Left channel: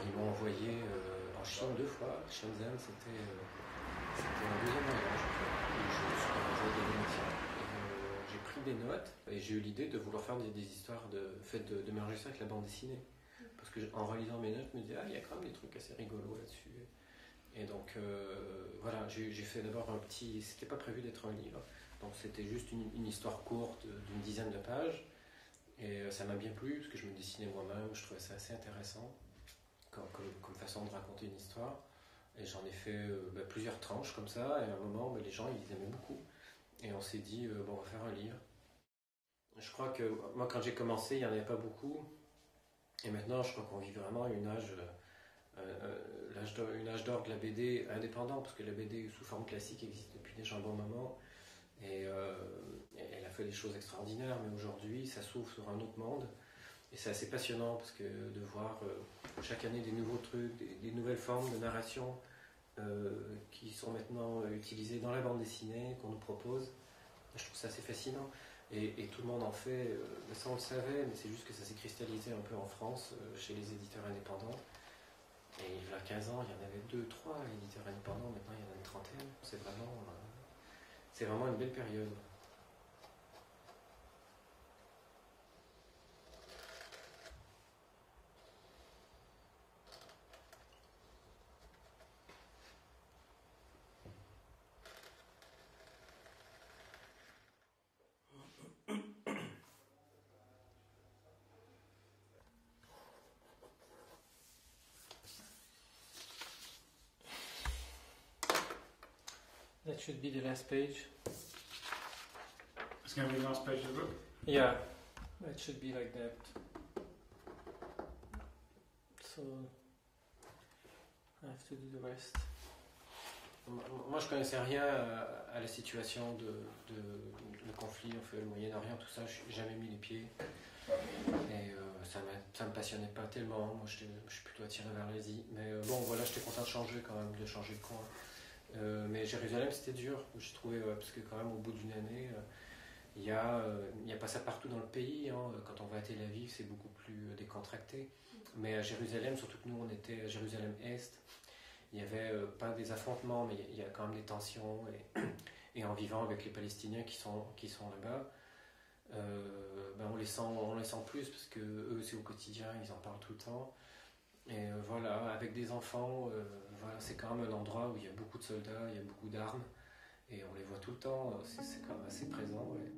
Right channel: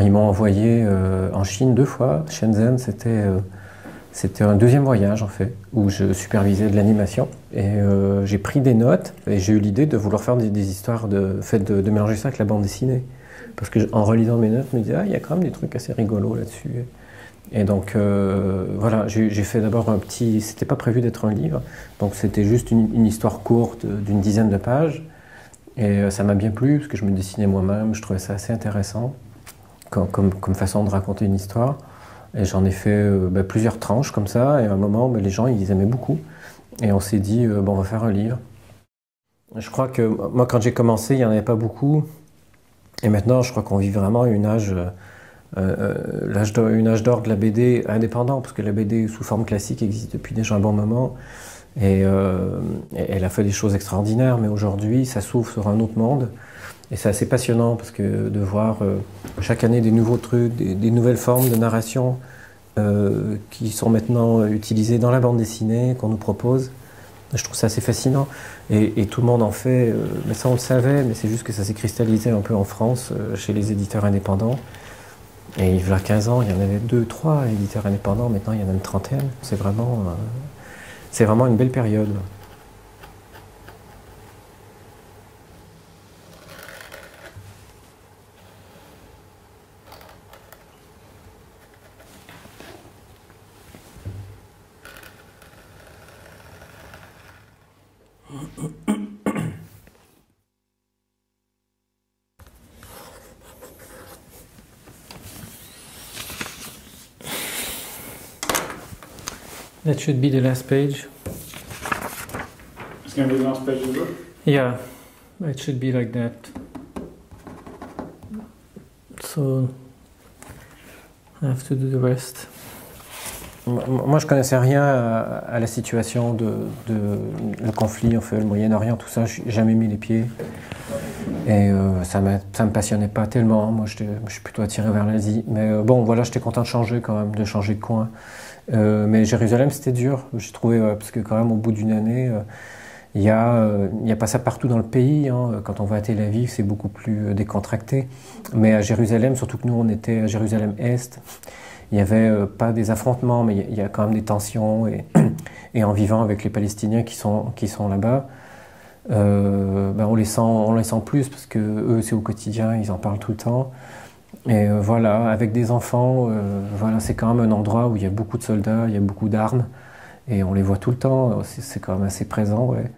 Alors ils m'ont envoyé en Chine 2 fois. Shenzhen, c'était un deuxième voyage en fait, où je supervisais de l'animation. Et j'ai pris des notes et j'ai eu l'idée de vouloir faire des histoires, de mélanger ça avec la bande dessinée. Parce qu'en relisant mes notes, je me disais, ah, il y a quand même des trucs assez rigolos là-dessus. Et donc voilà, j'ai fait d'abord un petit. C'était pas prévu d'être un livre, donc c'était juste une histoire courte d'une dizaine de pages. Et ça m'a bien plu, parce que je me dessinais moi-même, je trouvais ça assez intéressant comme façon de raconter une histoire. Et j'en ai fait plusieurs tranches comme ça, et à un moment, les gens ils aimaient beaucoup. Et on s'est dit, bon, on va faire un livre. Je crois que moi, quand j'ai commencé, il n'y en avait pas beaucoup. Et maintenant, je crois qu'on vit vraiment une âge d'or de la BD indépendant, parce que la BD sous forme classique existe depuis déjà un bon moment. Et elle a fait des choses extraordinaires, mais aujourd'hui, ça s'ouvre sur un autre monde. Et c'est assez passionnant, parce que de voir chaque année des nouveaux trucs, des nouvelles formes de narration qui sont maintenant utilisées dans la bande dessinée qu'on nous propose. Je trouve ça assez fascinant. Et tout le monde en fait, mais ça on le savait, mais c'est juste que ça s'est cristallisé un peu en France, chez les éditeurs indépendants. Et il y a 15 ans, il y en avait 2, 3 éditeurs indépendants, maintenant il y en a une trentaine. C'est vraiment une belle période. That should be the last page. It's going to be the last page of the book? Yeah, it should be like that. So, I have to do the rest. Moi, je connaissais rien à la situation le conflit, en fait, le Moyen-Orient, tout ça. Je n'ai jamais mis les pieds. Et ça me passionnait pas tellement. Moi, je suis plutôt attiré vers l'Asie. Mais bon, voilà, j'étais content de changer quand même, de changer de coin. Mais Jérusalem, c'était dur. J'ai trouvé, parce que quand même, au bout d'une année, il y a pas ça partout dans le pays. Hein. Quand on va à Tel Aviv, c'est beaucoup plus décontracté. Mais à Jérusalem, surtout que nous, on était à Jérusalem-Est, il n'y avait pas des affrontements, mais il y a quand même des tensions. Et en vivant avec les Palestiniens qui sont là-bas, on les sent plus, parce que eux, c'est au quotidien, ils en parlent tout le temps. Et voilà, avec des enfants, voilà, c'est quand même un endroit où il y a beaucoup de soldats, il y a beaucoup d'armes, et on les voit tout le temps, c'est quand même assez présent. Ouais.